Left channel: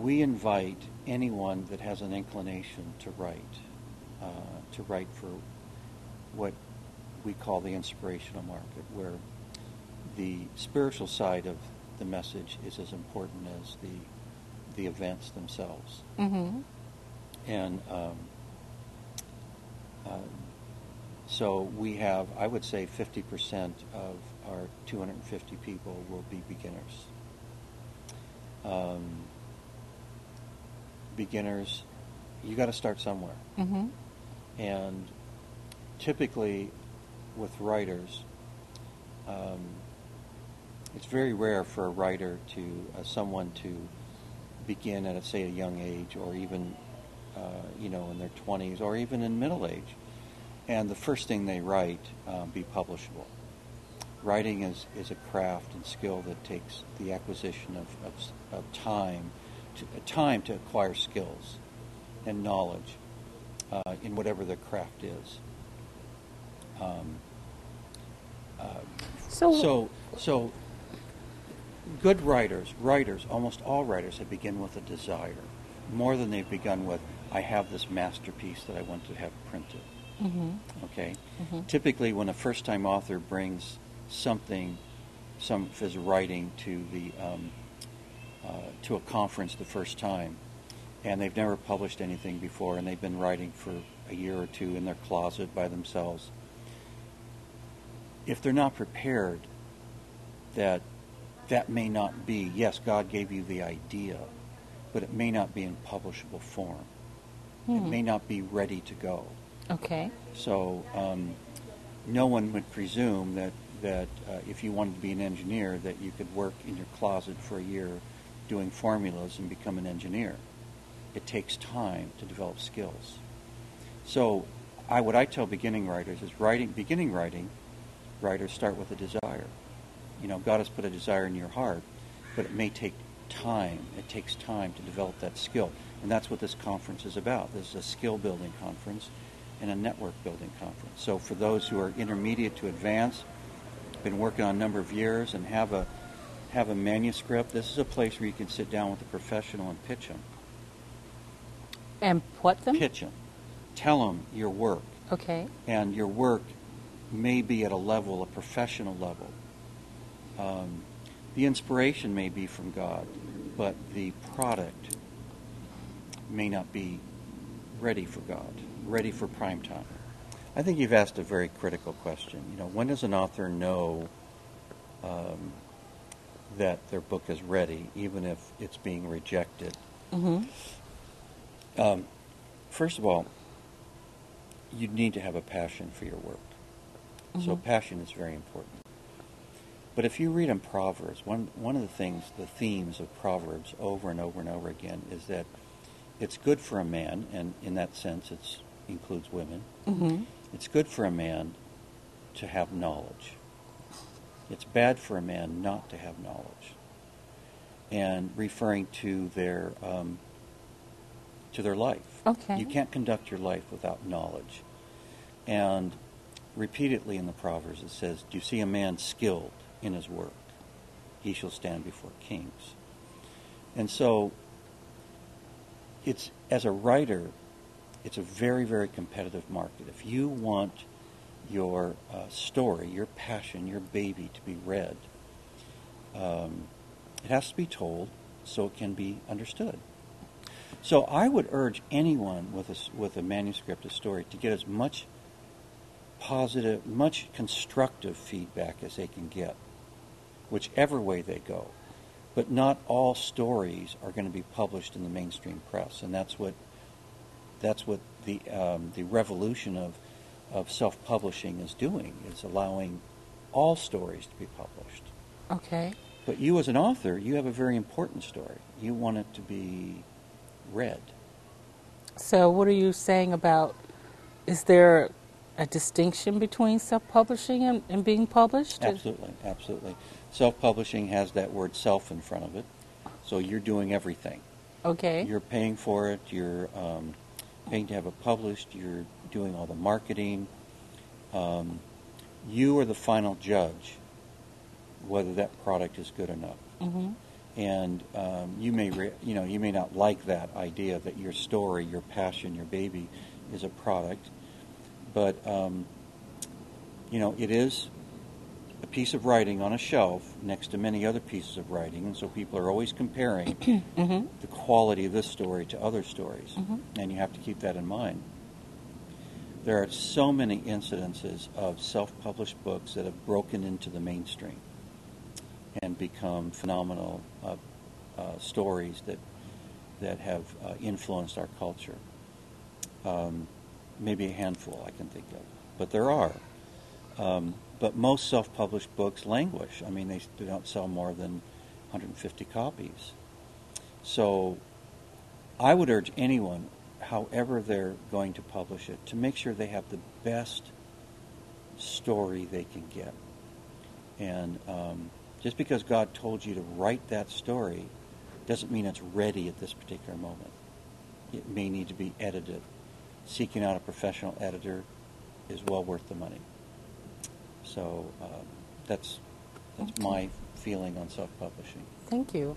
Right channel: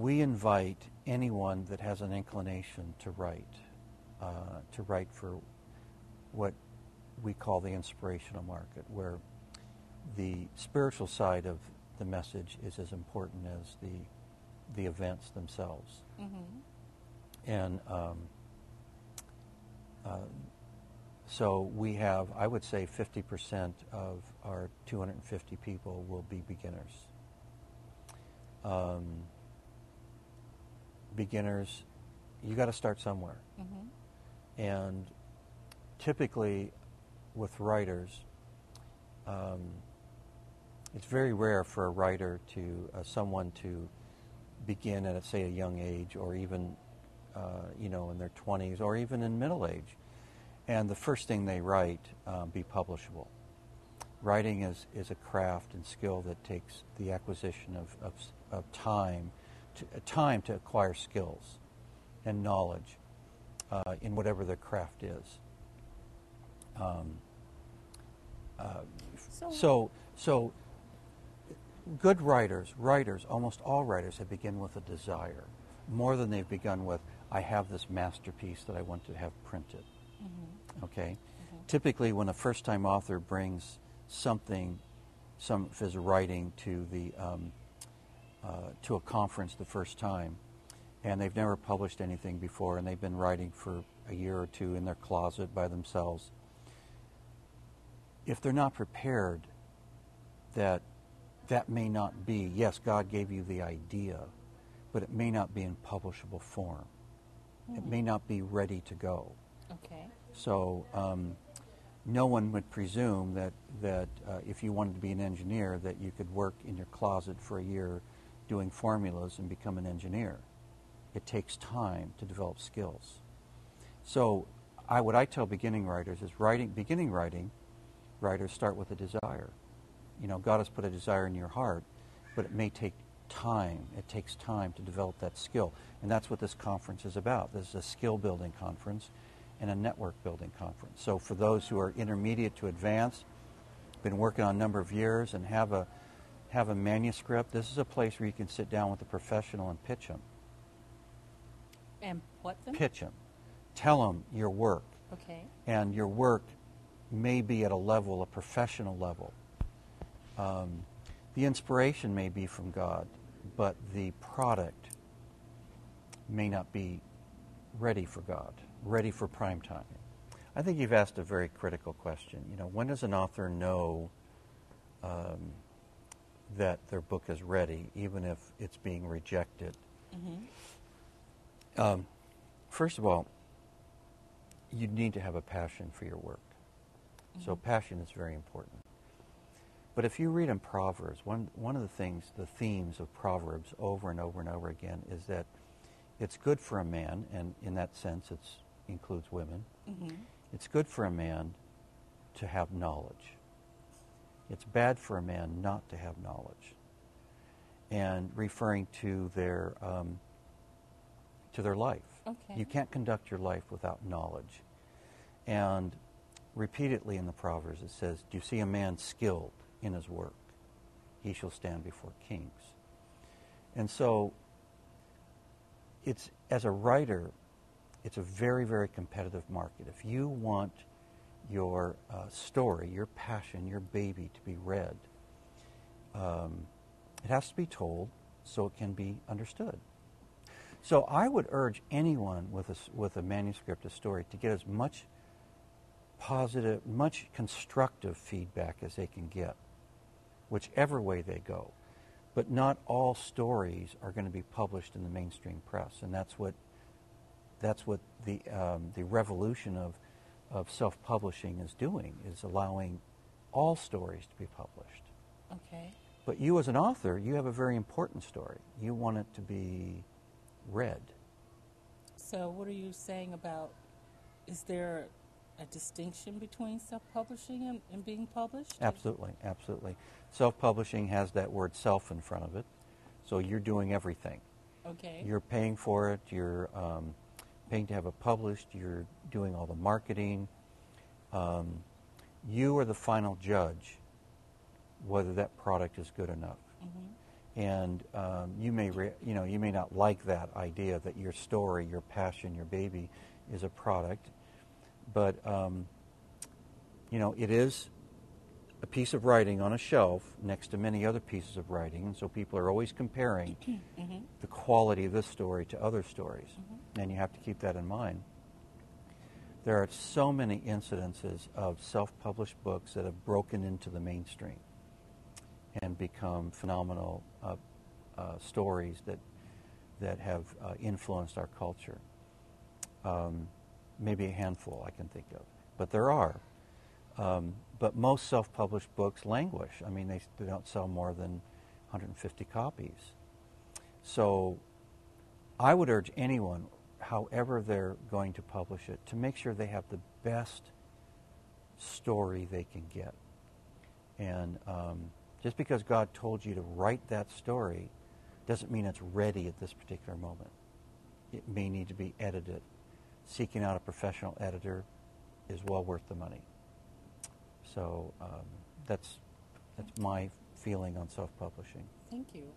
we invite anyone that has an inclination to write for what we call the inspirational market, where the spiritual side of the message is as important as the events themselves. Mm-hmm. And so we have, I would say 50% of our 250 people will be beginners. Beginners, you got to start somewhere. Mm-hmm. And typically with writers, it's very rare for a writer to, someone to begin at, say, a young age, or even, in their 20s, or even in middle age. And the first thing they write be publishable. Writing is a craft and skill that takes the acquisition of time to acquire skills and knowledge in whatever their craft is. So good writers, almost all writers have begun with a desire, more than they've begun with, I have this masterpiece that I want to have printed. Mm-hmm. Okay? Mm-hmm. Typically, when a first-time author brings some of his writing to a conference the first time, and they've never published anything before, and they've been writing for a year or two in their closet by themselves, if they're not prepared that may not be, yes, God gave you the idea, but it may not be in publishable form. It may not be ready to go. Okay. So no one would presume that if you wanted to be an engineer, that you could work in your closet for a year doing formulas and become an engineer. It takes time to develop skills. So what I tell beginning writers is beginning writers start with a desire. God has put a desire in your heart, but it may take time. It takes time to develop that skill. And that's what this conference is about. This is a skill building conference and a network building conference. So for those who are intermediate to advanced, been working on a number of years and have a manuscript, this is a place where you can sit down with a professional and pitch them. And what them? Pitch them. Tell them your work. Okay. And your work may be at a professional level. The inspiration may be from God, but the product may not be ready for God, ready for prime time. I think you've asked a very critical question. When does an author know that their book is ready, even if it's being rejected? Mm-hmm. First of all, you need to have a passion for your work. Mm-hmm. So passion is very important. But if you read in Proverbs, one of the themes of Proverbs over and over and over again is that it's good for a man, and in that sense it includes women, mm-hmm. It's good for a man to have knowledge. It's bad for a man not to have knowledge. And referring to their life. Okay. You can't conduct your life without knowledge. And repeatedly in the Proverbs it says, do you see a man skilled in his work? He shall stand before kings. And so as a writer, it's a very, very competitive market. If you want your story, your passion, your baby to be read, it has to be told so it can be understood. So I would urge anyone with a manuscript, a story, to get as much positive, much constructive feedback as they can get, whichever way they go. But not all stories are going to be published in the mainstream press, and that's what the revolution of self-publishing is doing, is allowing all stories to be published. Okay. But you as an author, you have a very important story. You want it to be read. So what are you saying about, is there a distinction between self-publishing and being published? Absolutely, absolutely. Self-publishing has that word self in front of it, so you're doing everything. Okay. You're paying for it, you're paying to have it published, you're doing all the marketing. You are the final judge whether that product is good enough. Mm-hmm. And you may not like that idea that your story, your passion, your baby is a product, but it is a piece of writing on a shelf next to many other pieces of writing, so people are always comparing the quality of this story to other stories, and you have to keep that in mind. There are so many incidences of self-published books that have broken into the mainstream and become phenomenal stories that have influenced our culture. Maybe a handful I can think of, but there are. But most self-published books languish. I mean, they don't sell more than 150 copies. So I would urge anyone, however they're going to publish it, to make sure they have the best story they can get. And just because God told you to write that story doesn't mean it's ready at this particular moment. It may need to be edited. Seeking out a professional editor is well worth the money. So that's my feeling on self-publishing. Thank you.